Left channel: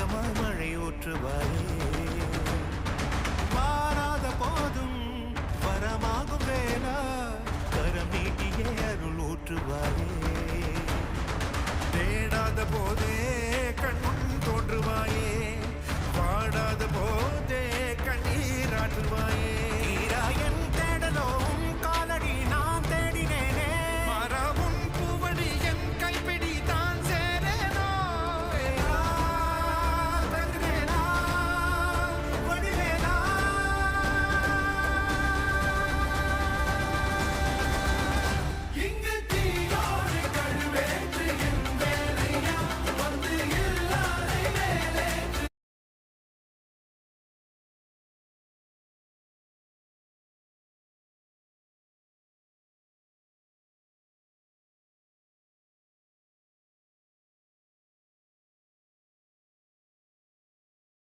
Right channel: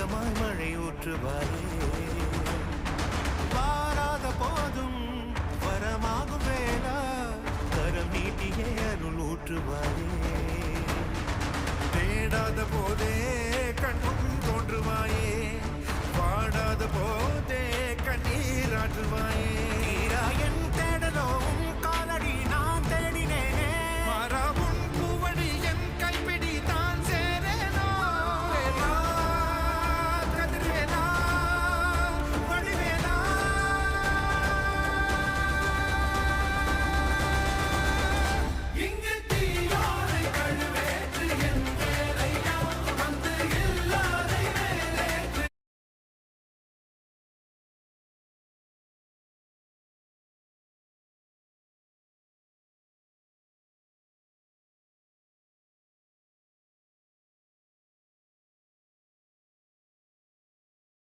ஏக்கமாய் மழை ஊற்றுவாயே வாராத போதும் வரமாகும் வேளா கரம் நீட்டியே அருள் ஊற்றுவாயே தேடாத போதே கண்முன் தோன்றுவாயே வாடாத போதே கண்ணீராற்றுவாயே தீராயன்